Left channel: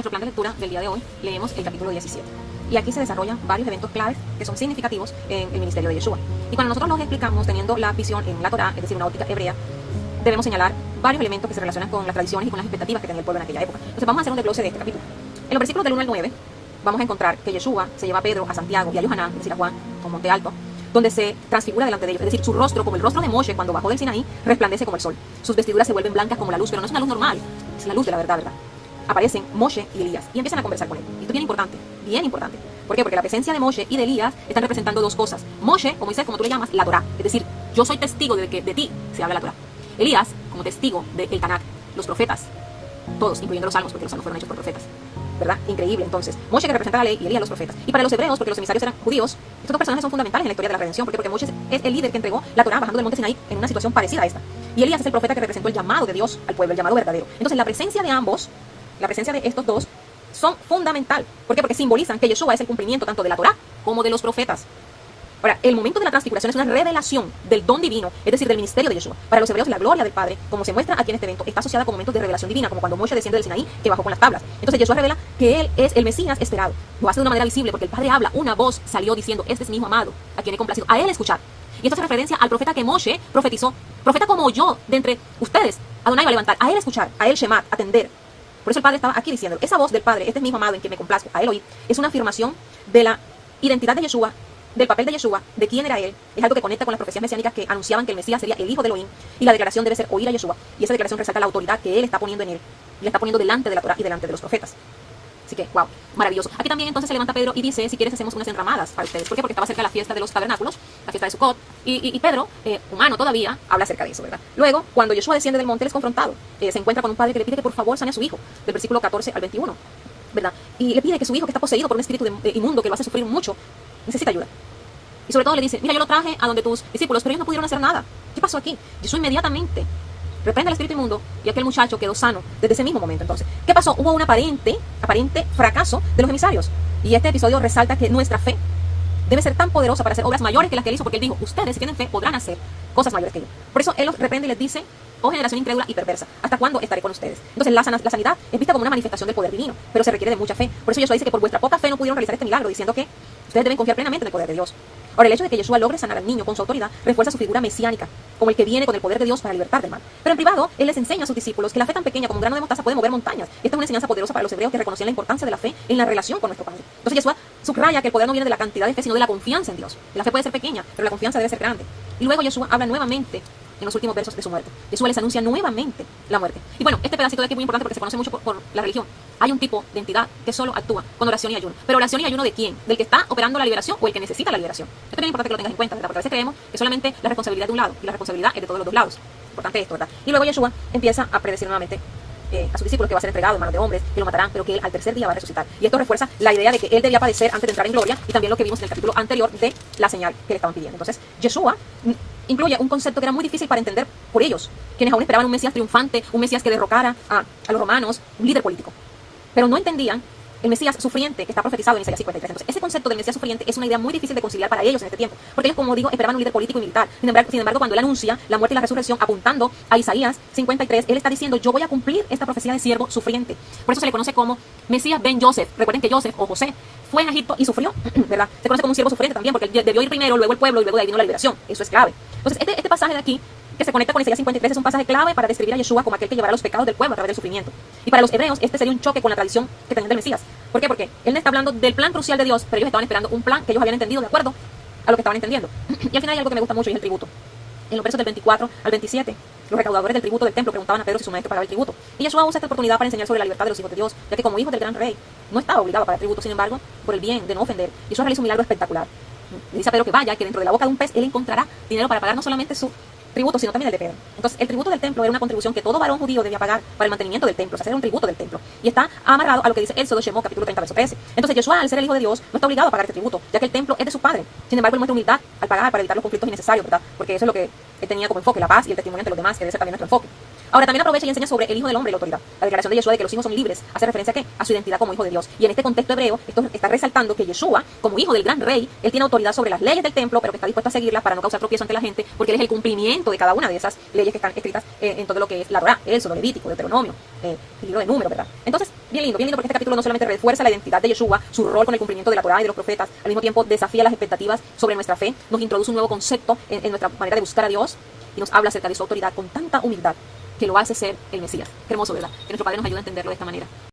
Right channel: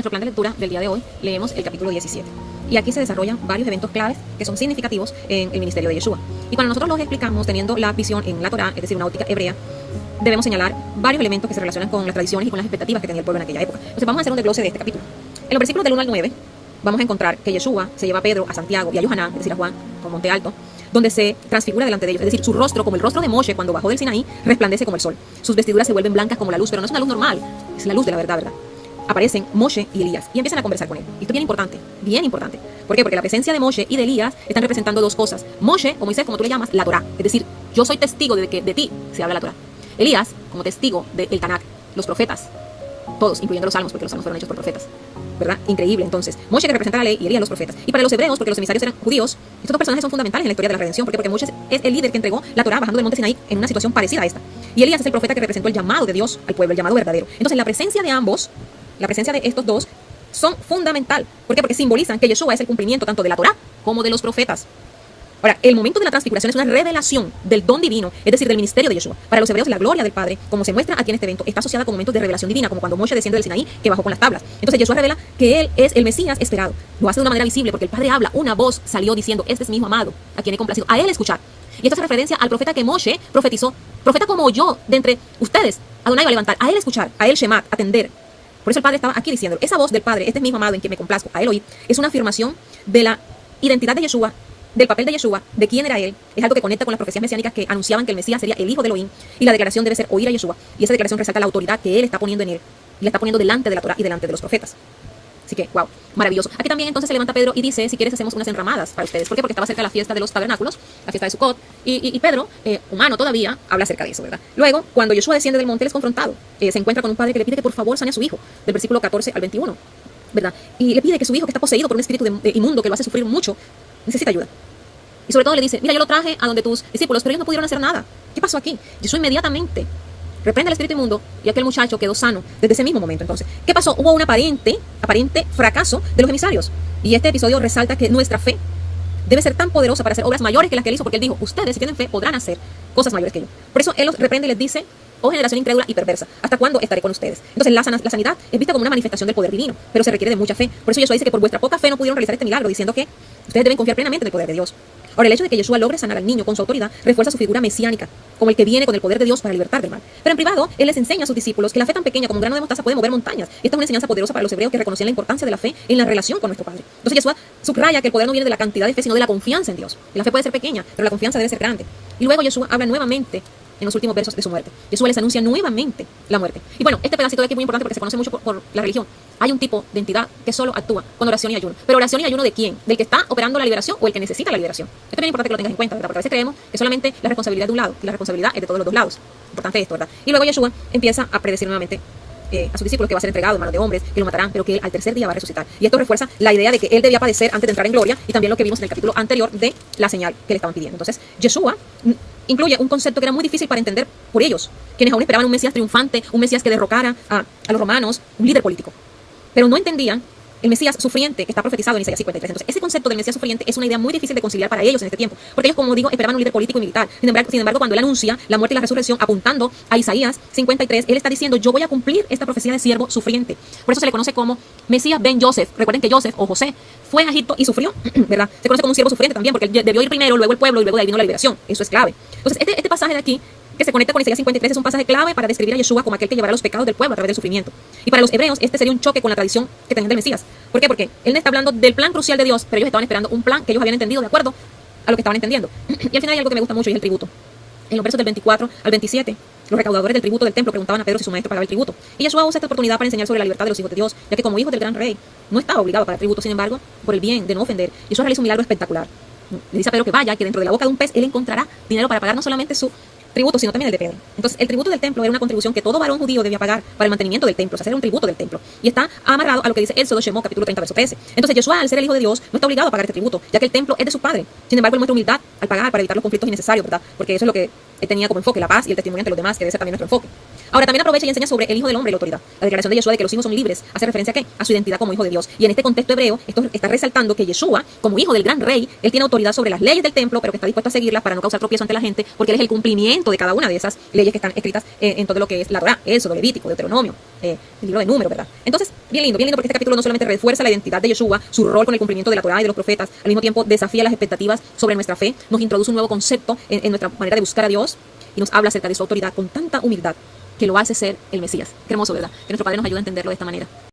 nuestro plan de lectura del día de hoy leemos el capítulo 17. Y aquí se desarrollan varios eventos claves que son significativos en el ministerio de Yeshua. Y cuando nosotros los explicamos teniendo la visión en la Torá, es decir, una óptica hebrea, debemos señalar varios elementos que se relacionan con las tradiciones y con las expectativas que tenía el pueblo en aquella época. Entonces vamos a hacer un desglose de este capítulo. En los versículos del 1 al 9 vamos a encontrar que Yeshua se lleva a Pedro, a Santiago y a Yohanan, es decir, a Juan, a un monte alto, donde se transfigura delante de ellos. Es decir, su rostro, como el rostro de Moshe cuando bajó del Sinaí, resplandece como el sol. Sus vestiduras se vuelven blancas como la luz, pero no es una luz normal, es la luz de la verdad, ¿verdad? Aparecen Moshe y Elías y empiezan a conversar con él. Y esto es bien importante, bien importante. ¿Por qué? Porque la presencia de Moshe y de Elías están representando dos cosas. Moshe, o Moisés, como tú le llamas, la Torá. Es decir, yo soy testigo de que de ti se habla la Torá. Elías, como testigo del Tanakh, los profetas, todos, incluyendo los salmos, porque los salmos fueron hechos por profetas. ¿Verdad? Increíble. Entonces, Moshe que representa la ley y Elías los profetas. Y para los hebreos, porque los emisarios eran judíos, estos dos personajes son fundamentales en la historia de la redención. ¿Por qué? Porque Moshe es el líder que entregó la Torá bajando del monte Sinaí en una situación parecida a esta. Y Elías es el profeta que representó el llamado de Dios al pueblo, el llamado verdadero. Entonces, la presencia de ambos, la presencia de estos dos, son fundamental. ¿Por qué? Porque simbolizan que Yeshua es el cumplimiento tanto de la Torá como de los profetas. Ahora, el momento de la transfiguración es una revelación del don divino, es decir, del ministerio de Yeshua. Para los hebreos, la gloria del Padre, como se muestra aquí en este evento, está asociada con momentos de revelación divina, como cuando Moshe desciende del Sinaí, que bajó con las tablas. Entonces, Yeshua revela que él es el Mesías esperado. Lo hace de una manera visible, porque el Padre habla, una voz salió diciendo, este es mi hijo amado, a quien he complacido, a él escuchar. Y esto hace referencia al profeta que Moshe profetizó, profeta como yo, de entre ustedes, Adonai va a levantar, a él escuchar, a él shemat, atender. Por eso el Padre estaba aquí diciendo, esa voz del Padre, este es mi hijo amado en quien me complazco, a él oír, es una afirmación de la identidad de Yeshua, del papel de Yeshua, de quién era él, es algo que conecta con las profecías mesiánicas que anunciaban que el Mesías sería el hijo de Elohim, y la declaración debe ser oír a Yeshua, y esa declaración resalta la autoridad que él está poniendo en él, y la está poniendo delante de la Torah y delante de los profetas. Así que, wow, maravilloso. Aquí también entonces se levanta Pedro y dice, si quieres hacemos unas enramadas para ustedes. ¿Por qué? Porque estaba cerca la fiesta de los tabernáculos, la fiesta de Sukkot, y Pedro, humano todavía, habla acerca de eso, ¿verdad? Luego, cuando Yeshua desciende del monte, él es confrontado. Se encuentra con un padre que le pide que por favor sane a su hijo, del versículo 14 al 21, ¿verdad? Y le pide que su hijo, que está poseído por un espíritu inmundo que lo hace sufrir mucho, necesita ayuda. Y sobre todo le dice, mira, yo lo traje a donde tus discípulos, pero ellos no pudieron hacer nada. ¿Qué pasó aquí? Yeshua inmediatamente reprende al espíritu inmundo y aquel muchacho quedó sano desde ese mismo momento. Entonces, ¿qué pasó? Hubo un aparente fracaso de los emisarios. Y este episodio resalta que nuestra fe debe ser tan poderosa para hacer obras mayores que las que él hizo, porque él dijo, ustedes si tienen fe podrán hacer cosas mayores que yo. Por eso él los reprende y les dice, oh generación incrédula y perversa, ¿hasta cuándo estaré con ustedes? Entonces la sanidad es vista como una manifestación del poder divino, pero se requiere de mucha fe. Por eso Yeshua dice que por vuestra poca fe no pudieron realizar este milagro, diciendo que ustedes deben confiar plenamente en el poder de Dios. Ahora, el hecho de que Yeshua logre sanar al niño con su autoridad refuerza su figura mesiánica, como el que viene con el poder de Dios para libertar del mal. Pero en privado, él les enseña a sus discípulos que la fe tan pequeña como un grano de mostaza puede mover montañas. Y esta es una enseñanza poderosa para los hebreos que reconocían la importancia de la fe en la relación con nuestro Padre. Entonces Yeshua subraya que el poder no viene de la cantidad de fe, sino de la confianza en Dios. La fe puede ser pequeña, pero la confianza debe ser grande. Y luego Yeshua habla nuevamente en los últimos versos de su muerte. Yeshua les anuncia nuevamente la muerte. Y bueno, este pedacito de aquí es muy importante porque se conoce mucho por la religión. Hay un tipo de entidad que solo actúa con oración y ayuno. Pero oración y ayuno ¿de quién? ¿Del que está operando la liberación o el que necesita la liberación? Esto es bien importante que lo tengas en cuenta, ¿verdad? Porque a veces creemos que solamente la responsabilidad de un lado y la responsabilidad es de todos los dos lados. Importante esto, ¿verdad? Y luego Yeshua empieza a predecir nuevamente a sus discípulos que va a ser entregado en manos de hombres, que lo matarán, pero que él al tercer día va a resucitar. Y esto refuerza la idea de que él debía padecer antes de entrar en gloria y también lo que vimos en el capítulo anterior de la señal que le estaban pidiendo. Entonces, Yeshua incluye un concepto que era muy difícil para entender por ellos, quienes aún esperaban un Mesías triunfante, un Mesías que derrocara a los romanos, un líder político. Pero no entendían el Mesías sufriente que está profetizado en Isaías 53. Entonces, ese concepto del Mesías sufriente es una idea muy difícil de conciliar para ellos en este tiempo, porque ellos, como digo, esperaban un líder político y militar. Sin embargo, cuando él anuncia la muerte y la resurrección apuntando a Isaías 53, él está diciendo, yo voy a cumplir esta profecía de siervo sufriente. Por eso se le conoce como Mesías ben Joseph. Recuerden que Joseph o José fue a Egipto y sufrió, ¿verdad? Se conoce como un siervo sufriente también, porque él debió ir primero, luego el pueblo y luego de ahí vino la liberación. Eso es clave. Entonces, este pasaje de aquí que se conecta con Isaías 53 es un pasaje clave para describir a Yeshua como aquel que llevará los pecados del pueblo a través del sufrimiento. Y para los hebreos este sería un choque con la tradición que tenían del Mesías. ¿Por qué? Porque él no está hablando del plan crucial de Dios, pero ellos estaban esperando un plan que ellos habían entendido de acuerdo a lo que estaban entendiendo. Y al final hay algo que me gusta mucho y es el tributo. En los versos del 24 al 27, los recaudadores del tributo del templo preguntaban a Pedro si su maestro pagaba el tributo. Y Yeshua usa esta oportunidad para enseñar sobre la libertad de los hijos de Dios, ya que como hijo del gran rey no estaba obligado a pagar tributo. Sin embargo, por el bien de no ofender, Yeshua realiza un milagro espectacular. Le dice a Pedro que vaya, que dentro de la boca de un pez él encontrará dinero para pagar no solamente su tributo, sino también el de Pedro. Entonces, el tributo del templo era una contribución que todo varón judío debía pagar para el mantenimiento del templo, o sea, era un tributo del templo. Y está amarrado a lo que dice Éxodo Shemot, capítulo 30, verso 13. Entonces, Yeshua, al ser el hijo de Dios, no está obligado a pagar este tributo, ya que el templo es de su padre. Sin embargo, él muestra humildad al pagar para evitar los conflictos innecesarios, ¿verdad? Porque eso es lo que él tenía como enfoque, la paz y el testimonio ante los demás, que debe ser también nuestro enfoque. Ahora, también aprovecha y enseña sobre el Hijo del Hombre y la autoridad. La declaración de Yeshua de que los hijos son libres hace referencia ¿a qué? A su identidad como hijo de Dios. Y en este contexto hebreo, esto está resaltando que Yeshua, como hijo del gran rey, él tiene autoridad sobre las leyes del templo, pero que está dispuesto a seguirlas para no causar tropiezo ante la gente, porque él es el cumplimiento cumplimiento de cada una de esas leyes que están escritas en todo lo que es la Torá, Éxodo, Levítico, Deuteronomio, el libro de Números, ¿verdad? Entonces, bien lindo porque este capítulo no solamente refuerza la identidad de Yeshua, su rol con el cumplimiento de la Torá y de los profetas, al mismo tiempo desafía las expectativas sobre nuestra fe, nos introduce un nuevo concepto en nuestra manera de buscar a Dios y nos habla acerca de su autoridad con tanta humildad que lo hace ser el Mesías. Qué hermoso, ¿verdad? Que nuestro Padre nos ayude a entenderlo de esta manera.